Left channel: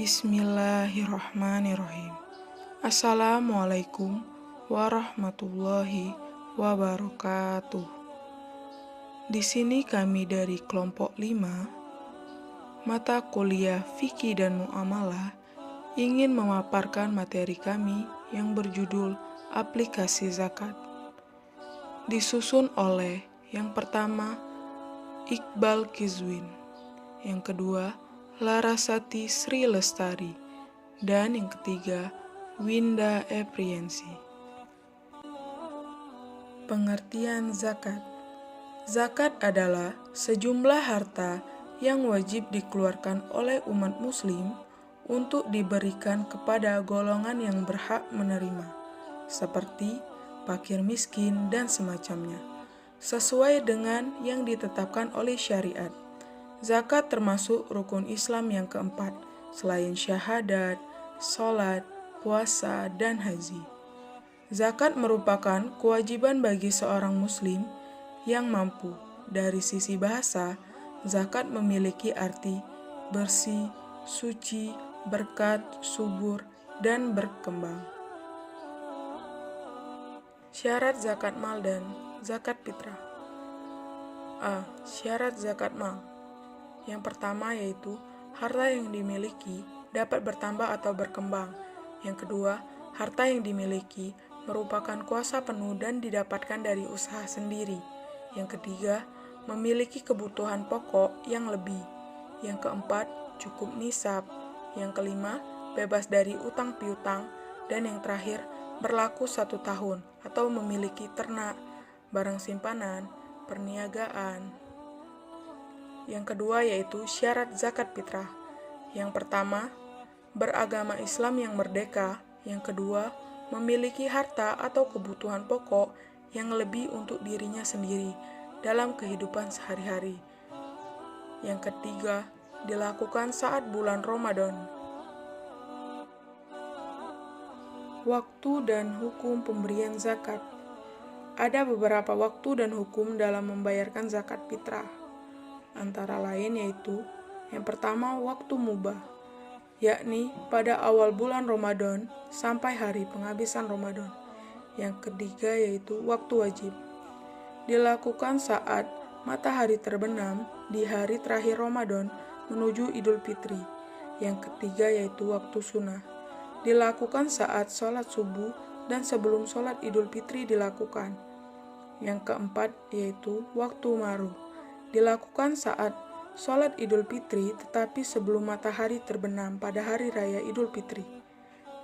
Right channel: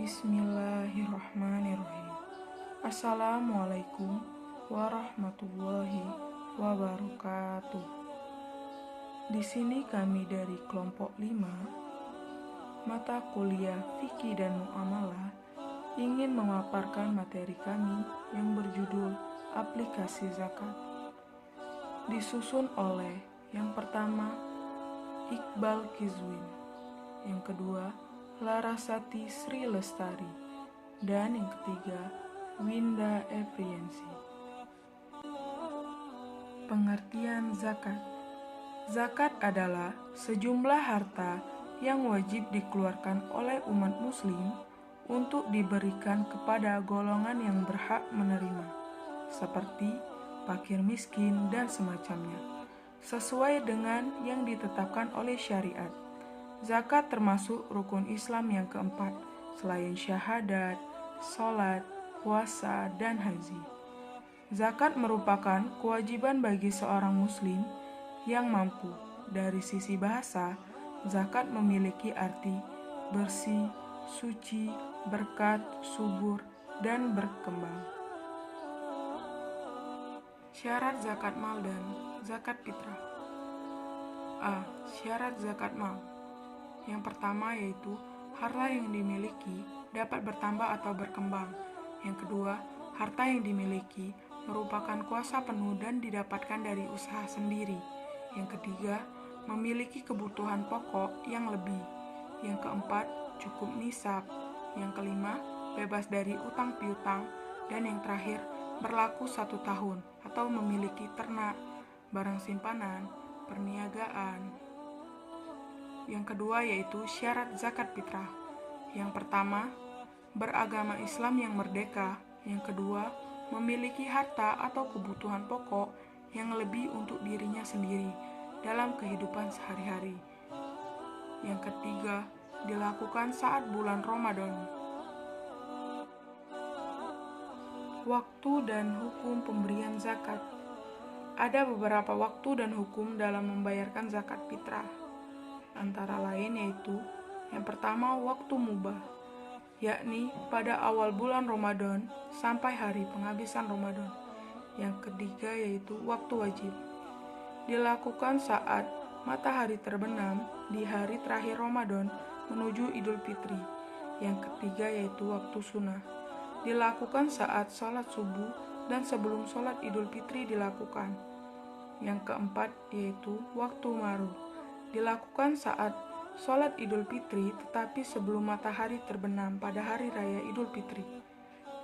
Bismillahirrahmanirrahim. Assalamualaikum warahmatullahi wabarakatuh. Di sini kami dari kelompok 5, mata kuliah Fikih dan Muamalah, ingin memaparkan materi kami yang berjudul Aplikasi Zakat. Disusun oleh yang pertama Iqbal Kizwin, yang kedua Larasati Sri Lestari, dan yang ketiga Winda Epriensi. Pengertian zakat. Zakat adalah sejumlah harta yang wajib dikeluarkan oleh umat muslim untuk diberikan kepada golongan yang berhak menerima, seperti fakir miskin dan semacamnya, sesuai dengan yang ditetapkan oleh syariat. Zakat termasuk rukun Islam yang keempat, selain syahadat, sholat, puasa, dan haji. Zakat merupakan kewajiban bagi seorang muslim yang mampu. Dari sisi bahasa, zakat memiliki arti bersih, suci, berkat, subur, dan berkembang. Syarat zakat mal dan zakat fitrah. A. Syarat zakat mal. Yang pertama yaitu harta yang dimiliki dapat bertambah atau berkembang. Yang kedua, harta yang dimiliki merupakan kuasa penuh dan didapatkan dari usaha sendiri. Yang ketiga, memiliki kebutuhan pokok yang lebih. Yang keempat, cukup nisab. Yang kelima, bebas dari utang piutang. Dan yang terakhir, berlaku 1 tahun atau memiliki ternak, barang simpanan, perniagaan. Yang kedua yaitu syarat zakat fitrah. Yang pertama, beragama Islam yang merdeka. Yang kedua, memiliki harta atau kebutuhan pokok yang lebih untuk dirinya sendiri dalam kehidupan sehari-hari. Yang ketiga, dilakukan saat bulan Ramadan. Waktu dan hukum pemberian zakat. Ada beberapa waktu dan hukum dalam membayarkan zakat fitrah. Antara lain yaitu yang pertama waktu mubah, yakni pada awal bulan Ramadan sampai hari penghabisan Ramadan. Yang ketiga yaitu waktu wajib, dilakukan saat matahari terbenam di hari terakhir Ramadan menuju Idul Fitri. Yang ketiga yaitu waktu sunnah, dilakukan saat sholat subuh dan sebelum sholat Idul Fitri dilakukan. Yang keempat yaitu waktu maru, dilakukan saat sholat Idul Fitri tetapi sebelum matahari terbenam pada hari raya Idul Fitri.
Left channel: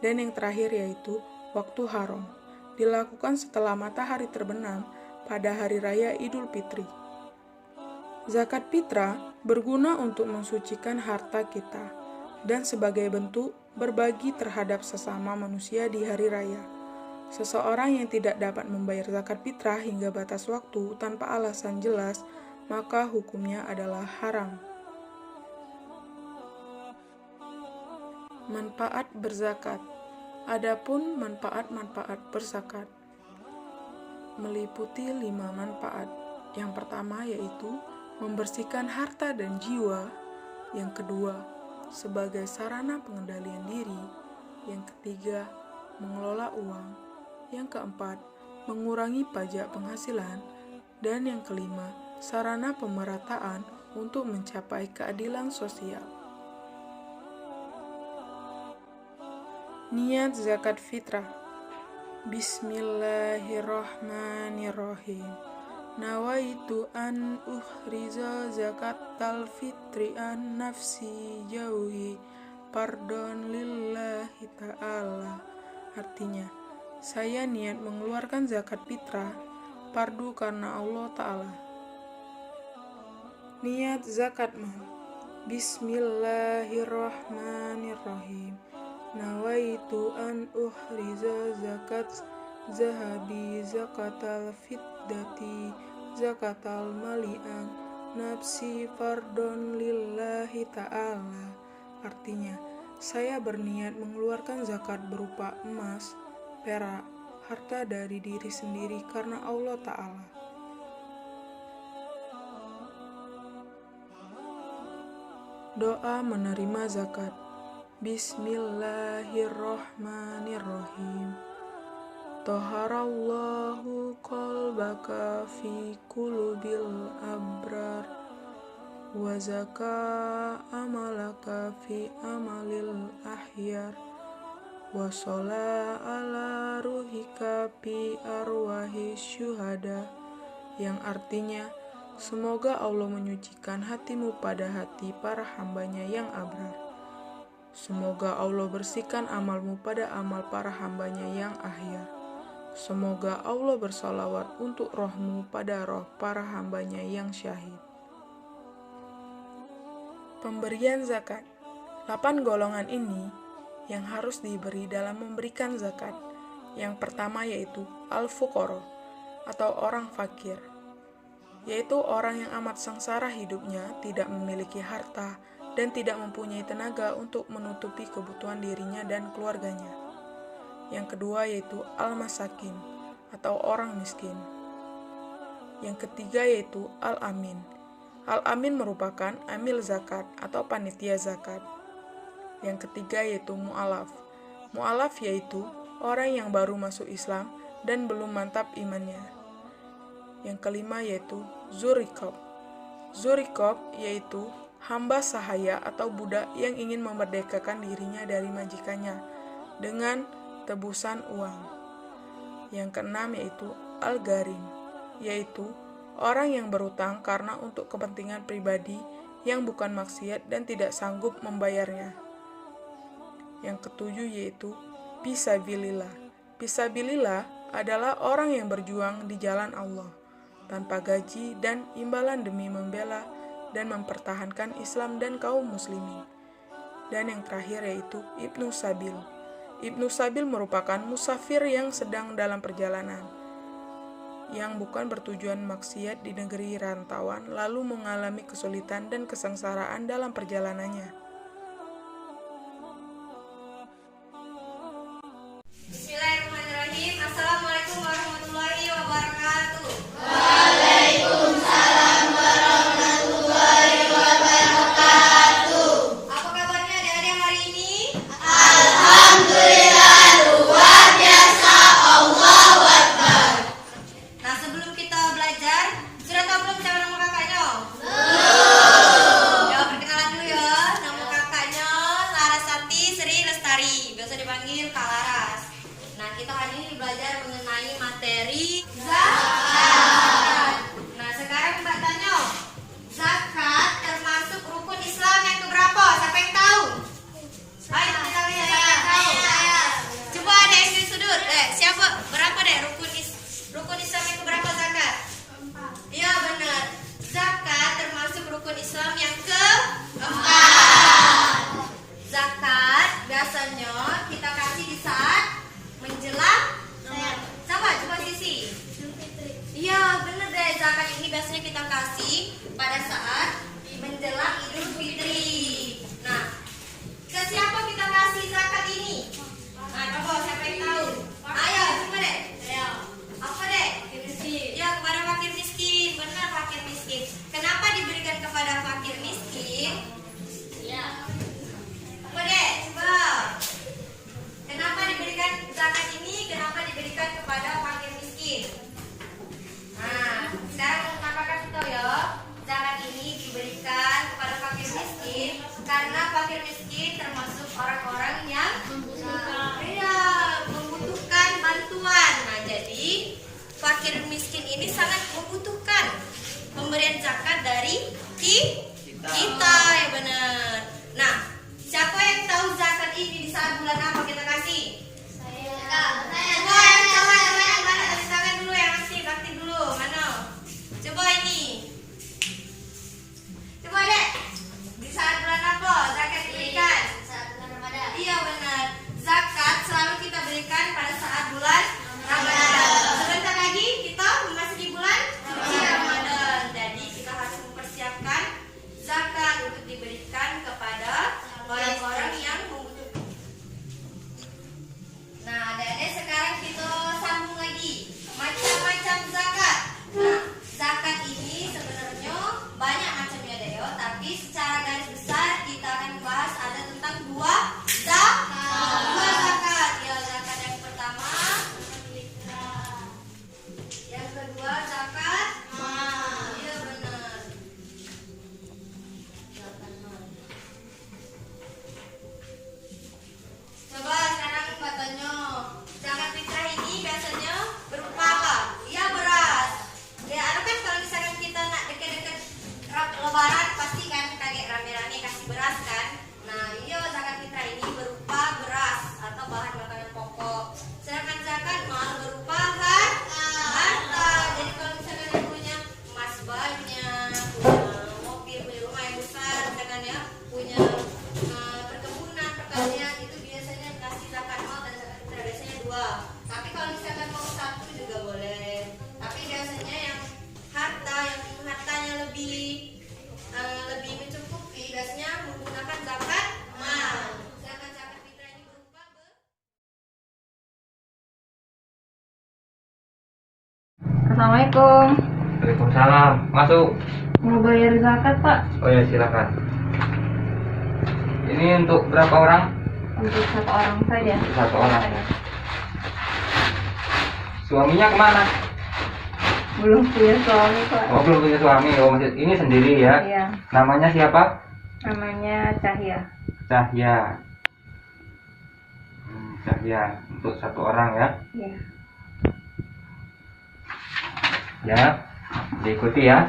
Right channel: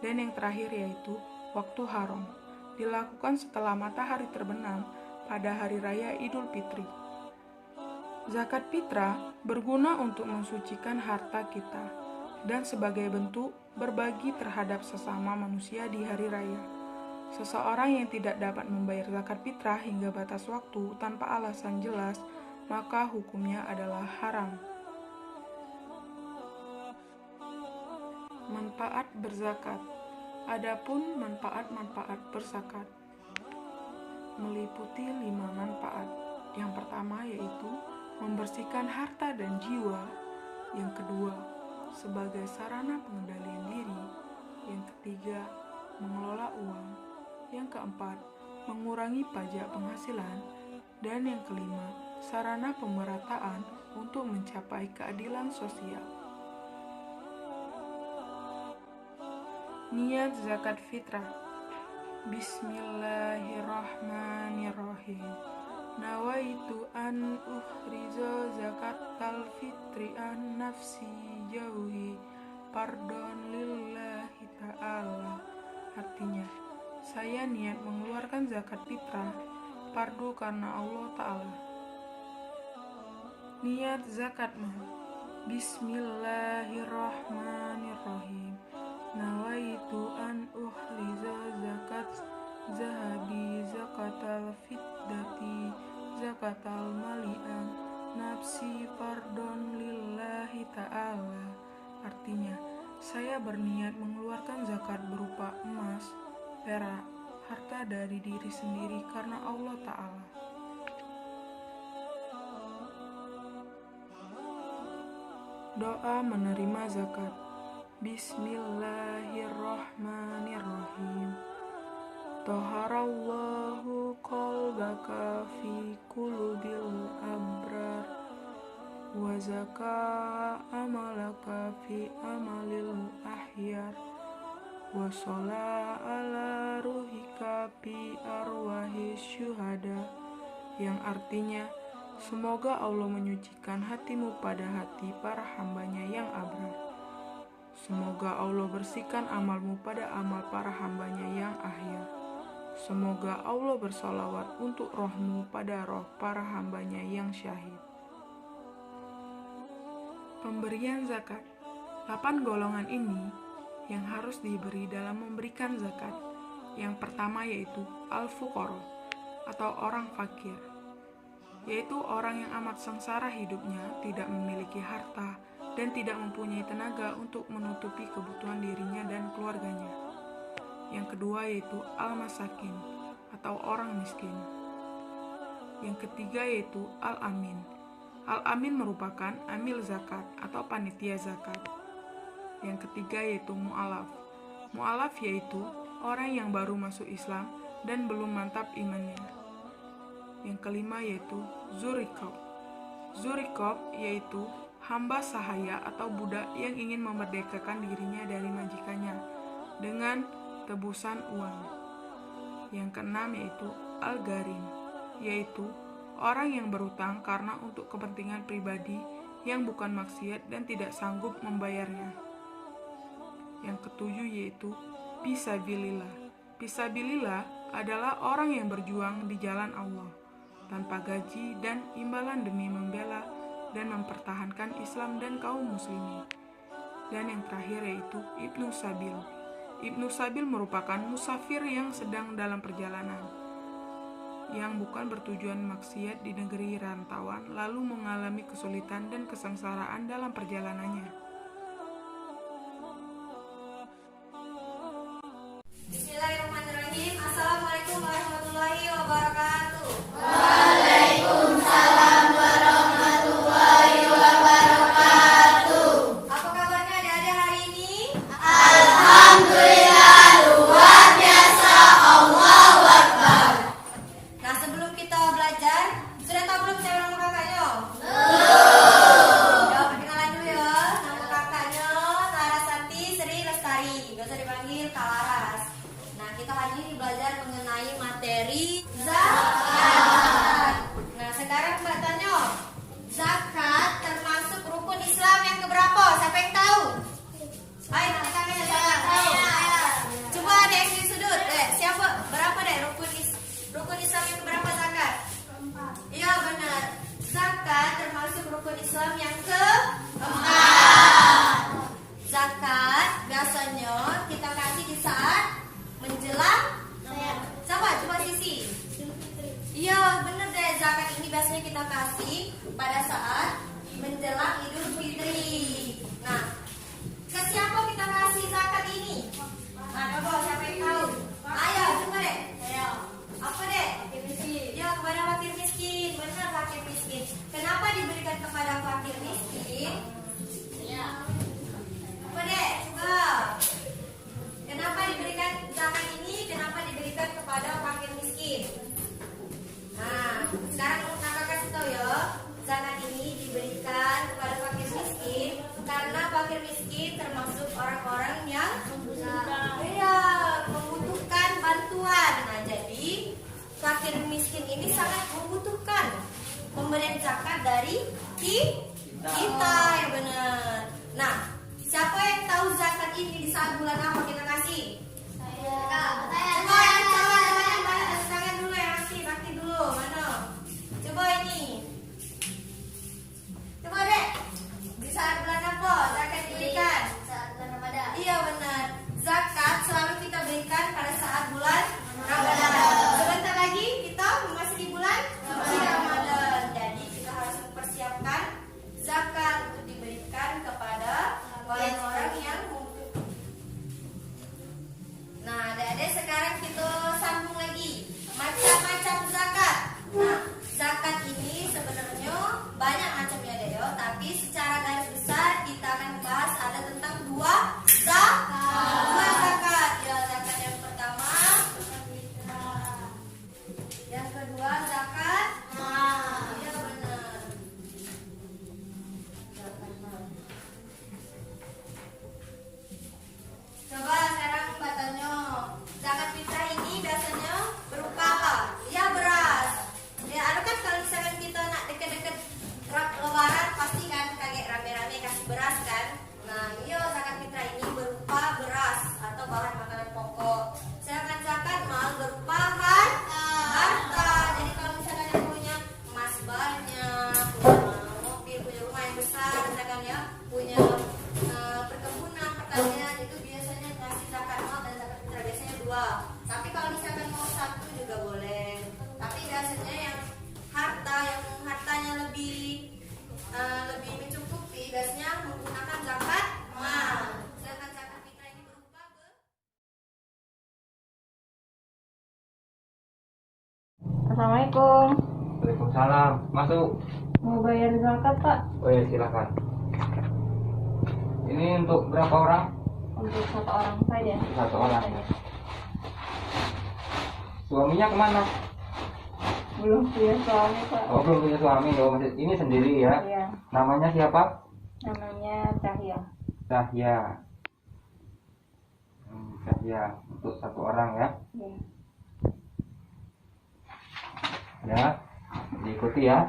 Dan yang terakhir yaitu waktu haram, dilakukan setelah matahari terbenam pada hari raya Idul Fitri. Zakat fitrah berguna untuk mensucikan harta kita dan sebagai bentuk berbagi terhadap sesama manusia di hari raya. Seseorang yang tidak dapat membayar zakat fitrah hingga batas waktu tanpa alasan jelas, maka hukumnya adalah haram. Manfaat berzakat. Adapun manfaat-manfaat berzakat meliputi 5 manfaat. Yang pertama yaitu membersihkan harta dan jiwa. Yang kedua, sebagai sarana pengendalian diri. Yang ketiga, mengelola uang. Yang keempat, mengurangi pajak penghasilan. Dan yang kelima, sarana pemerataan untuk mencapai keadilan sosial. Niat zakat fitrah. Bismillahirrahmanirrahim. Nawaitu an uhriza zakatal fitri an nafsi jauhi pardon lillahi ta'ala. Artinya, saya niat mengeluarkan zakat fitrah fardu karena Allah Ta'ala. Niat zakat mal. Bismillahirrahmanirrahim. Nawaitu an uhriza zakat zahabi zakatal fiddati zakatal mali'an nafsi fardon lillahi ta'ala. Artinya, saya berniat mengeluarkan zakat berupa emas, perak, harta dari diri sendiri karena Allah Ta'ala. Doa menerima zakat. Bismillahirrahmanirrahim. Taharallahu qalbaka fi qulubil abrar wa zaka amalaka fi amalil ahyar wa shola ala ruhika fi arwahi syuhada, yang artinya semoga Allah menyucikan hatimu pada hati para hambanya yang abrar. Semoga Allah bersihkan amalmu pada amal para hambanya yang ahyar. Semoga Allah bersalawat untuk rohmu pada roh para hambanya yang syahid. Pemberian zakat. 8 golongan ini yang harus diberi dalam memberikan zakat. Yang pertama yaitu al-fuqara atau orang fakir, yaitu orang yang amat sengsara hidupnya, tidak memiliki harta, dan tidak mempunyai tenaga untuk menutupi kebutuhan dirinya dan keluarganya. Yang kedua yaitu al-masakin atau orang miskin. Yang ketiga yaitu al-amin. Al-amin merupakan amil zakat atau panitia zakat. Yang ketiga yaitu mu'alaf. Mu'alaf yaitu orang yang baru masuk Islam dan belum mantap imannya. Yang kelima yaitu zurikob. Zurikob yaitu hamba sahaya atau budak yang ingin memerdekakan dirinya dari majikannya dengan tebusan uang. Yang keenam yaitu al-garim, yaitu orang yang berutang karena untuk kepentingan pribadi yang bukan maksiat dan tidak sanggup membayarnya. Yang ketujuh yaitu fisabilillah. Fisabilillah adalah orang yang berjuang di jalan Allah tanpa gaji dan imbalan demi membela dan mempertahankan Islam dan kaum muslimin. Dan yang terakhir yaitu Ibnu Sabil. Ibnu Sabil merupakan musafir yang sedang dalam perjalanan, yang bukan bertujuan maksiat di negeri rantauan lalu mengalami kesulitan dan kesengsaraan dalam perjalanannya. Bismillahirrahmanirrahim. Assalamualaikum warahmatullahi wabarakatuh. Apa kabarnya adik-adik hari ini? Nah, sebelum kita belajar, sudah tahu belum siapa nama kakaknya? Ya, perkenalan dulu ya. Nama kakaknya Larasati Sri Lestari, biasa dipanggil Kak Laras. Nah, kita hari ini belajar mengenai materi zakat. Nah, sekarang Mbak tanya, zakat termasuk rukun Islam yang keberapa? Siapa yang tahu? Ayo, kita lihat siapa yang tahu. Coba ada yang di sudut. Siapa? Berapa deh rukun Islam yang keberapa zakat? Iya, benar. Zakat termasuk rukun Islam yang keempat. Zakat biasanya kita kasih di saat menjelang coba sisi. Iya, benar deh. Zakat ini biasanya kita kasih pada saat menjelang Idul Fitri. Nah, ke siapa kita kasih zakat ini? Nah, coba siapa yang tahu? Ayo, coba deh. Apa deh? Fakir miskin. Ya, kepada fakir miskin. Benar, fakir miskin. Kenapa diberikan kepada fakir miskin? Ya. Apa deh? Coba. Kenapa diberikan zakat ini? Kenapa diberikan kepada fakir miskin? Nah, sekarang kakak kasih tahu ya. Zakat ini diberikan kepada fakir miskin karena fakir miskin termasuk orang-orang yang membutuhkan bantuan. Nah, jadi fakir miskin ini sangat membutuhkan pemberian zakat dari kita, ya benar. Nah, siapa yang tahu zakat ini di saat bulan apa kita kasih? Coba yang tangan mana? Kasih tangan dulu yang aktif dulu. Mana? Coba ini. Coba dek. Di saat bulan apa zakat diberikan? Saat bulan Ramadan. Iya benar. Zakat selalu kita berikan pada saat bulan Ramadan. Sebentar lagi kita masih di bulan suci Ramadan. Jadi kita harus mempersiapkan zakat untuk diberikan kepada orang-orang yang membutuhkan. Nah, adik-adik sekarang kita sambung lagi. Macam-macam zakat. Nah, zakat ini sebenarnya banyak macamnya deh, tapi secara garis besar kita akan membahas ada tentang dua Assalamualaikum. Waalaikumsalam. Masuk. Mau bayar zakat, Pak? Oh ya, silakan. Ini untuk berapa orang? Untuk satu orang saja. Satu orang. Suaminya kemana? Belum punya suami, Pak. Oh, belum punya suami. Oh, maksud ini sendiri ya? Iya. Namanya siapa? Namanya Cahya. Cahya. Cahya untuk satu orang ya? Iya. Ya, diikuti ya.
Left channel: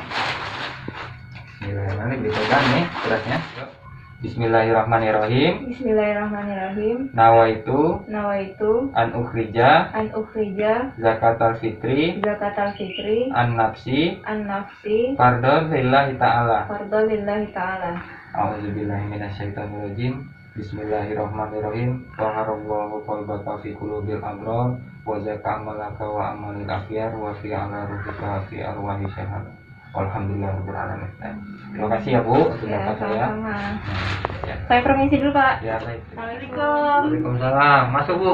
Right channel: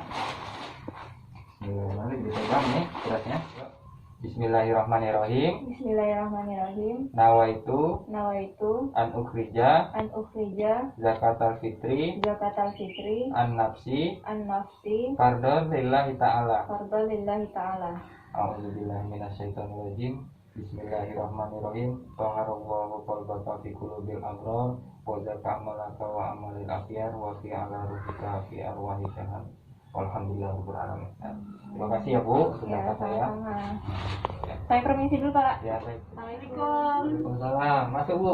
Bismillahirrahmanirrahim. Dipegang nih beratnya. Bismillahirrahmanirrahim. Bismillahirrahmanirrahim. Nawaitu Nawaitu an ukhrija an ukhrija zakatal fitri zakatal fitri an nafsi an nafsi fardhu lillahi ta'ala. fardhu lillahi ta'ala. A'udzubillahi minasyaitonirrajim. Bismillahirrahmanirrahim. Taharallahu qalbaka fi qulubil abrar wa zaka amalaka wa amalil akhyar wa fi ala ruhika fi arwahi syahad. Alhamdulillahirabbil alamin. Terima kasih ya Bu untuk Ya, zakat saya. sama-sama. Ya. Saya permisi dulu, Pak. Ya, baik. Assalamualaikum. Waalaikumsalam. Masuk Bu.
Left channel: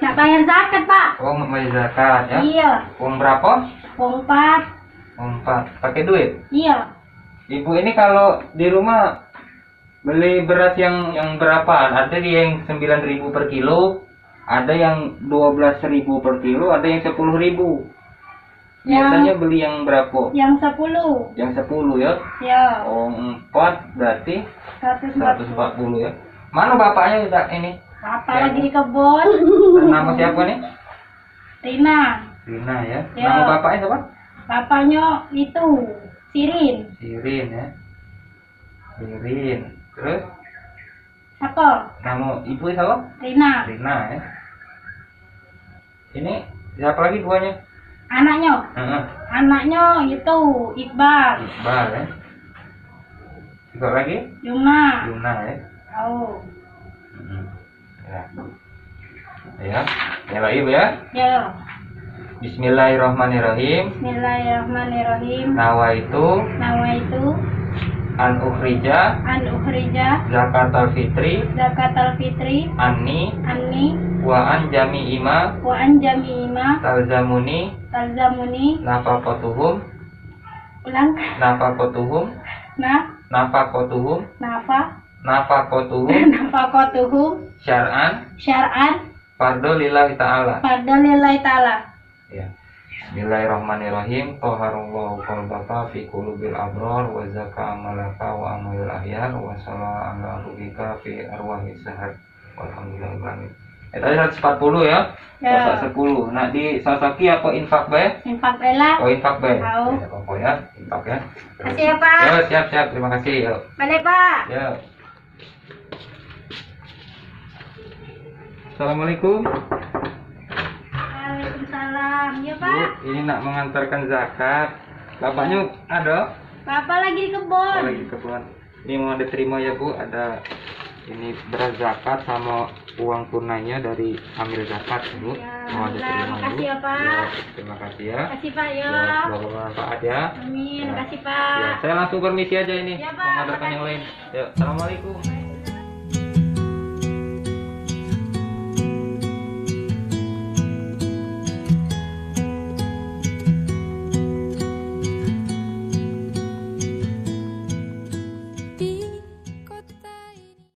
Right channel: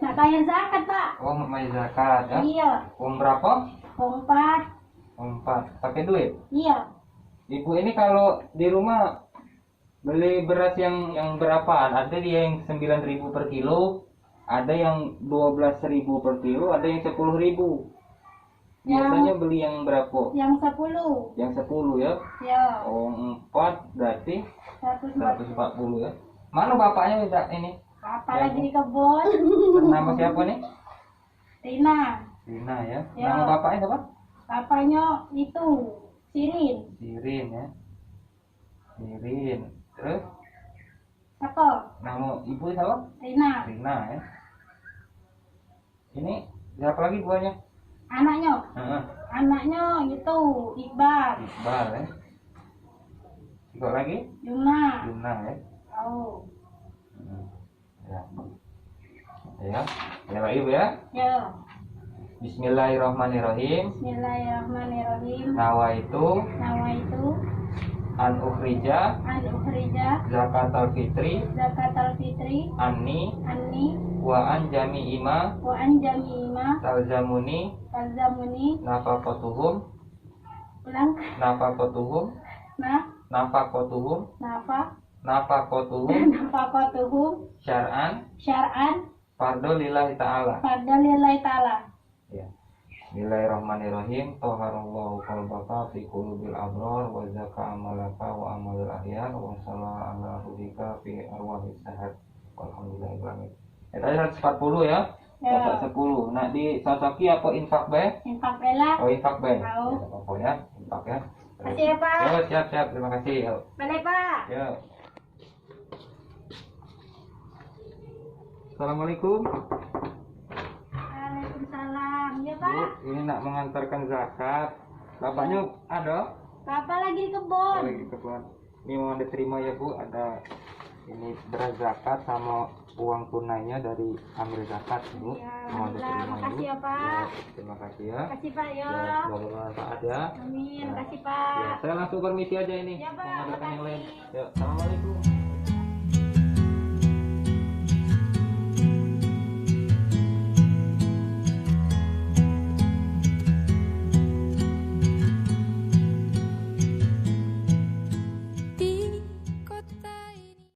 Nak bayar zakat, Pak? Oh, mau bayar zakat ya? Iya. Uang berapa? Pompat. Uang 4. Pakai duit? Iya. Ibu ini kalau di rumah beli beras yang berapaan? Ada yang 9.000 per kilo, ada yang 12.000 per kilo, ada yang 10.000. Biasanya beli yang berapa? Yang 10. Yang 10 ya? Ya. Oh, 4 berarti 140. 140 ya. Mana bapaknya udah ini? Apa Ya, lagi Bu. di kebun? Nama siapa nih? Rina. Rina ya. Ya. Nama bapaknya siapa? Bapaknya itu Sirin. Sirin ya. Sirin. Terus Apa? nama ibu siapa? Rina. Rina ya. Ini siapa lagi duanya? Anaknya. Heeh. Anaknya itu Iqbal. Iqbal ya. Juga lagi? Yumna. Yumna ya. Oh. Ya. Ya. Ya lagi Bu ya. Ya. Bismillahirrahmanirrahim. Bismillahirrahmanirrahim. Nawaitu Nawaitu an ukhrija an ukhrija zakatal fitri zakatal fitri anni anni wa an jami'ima wa an jami'ima talzamuni talzamuni nafaqatuhum ulang nafaqatuhum na nafaqatuhum nafa nafaqatuhum nafaqatuhum syar'an syar'an fardhu lillahi ta'ala. pada lillahi ta'ala. Ya. Bismillahirrahmanirrahim. Taharallahu qalbaka fi qulubil abrar wa zaka amalaka wa amalil akhyar wa salla ala ruhika fi arwahi sahad. Walhamdulillahirabbil alamin. Tadi 140 ya. Ya. 10. Nah di Sasaki apa infak bae? Infak bela. Oh infak bae. Tahu. Ya, apa ya? Infak ya. Kasih ya, Pak. Ya, siap. Terima kasih. Ya. Balik, Pak. Ya. Assalamualaikum. Waalaikumsalam. Ya, Bu, Pak. ini nak mengantarkan zakat. Bapaknya ada? Bapak lagi di Oh, kebun. lagi keperluan. Ini mau diterima ya Bu, ada ini beras zakat sama uang tunainya dari amil zakat Bu. Ya, Mau alhamdulillah. diterima Makasih Bu. ya, Pak. Ya, terima kasih ya. Kasih, Pak, ya. Ya, semoga bermanfaat ya. Amin. Ya. Kasih, Ya, Pak. saya langsung permisi aja ini. Ya, Pak. Menghadapkan yang lain. Ya, assalamualaikum.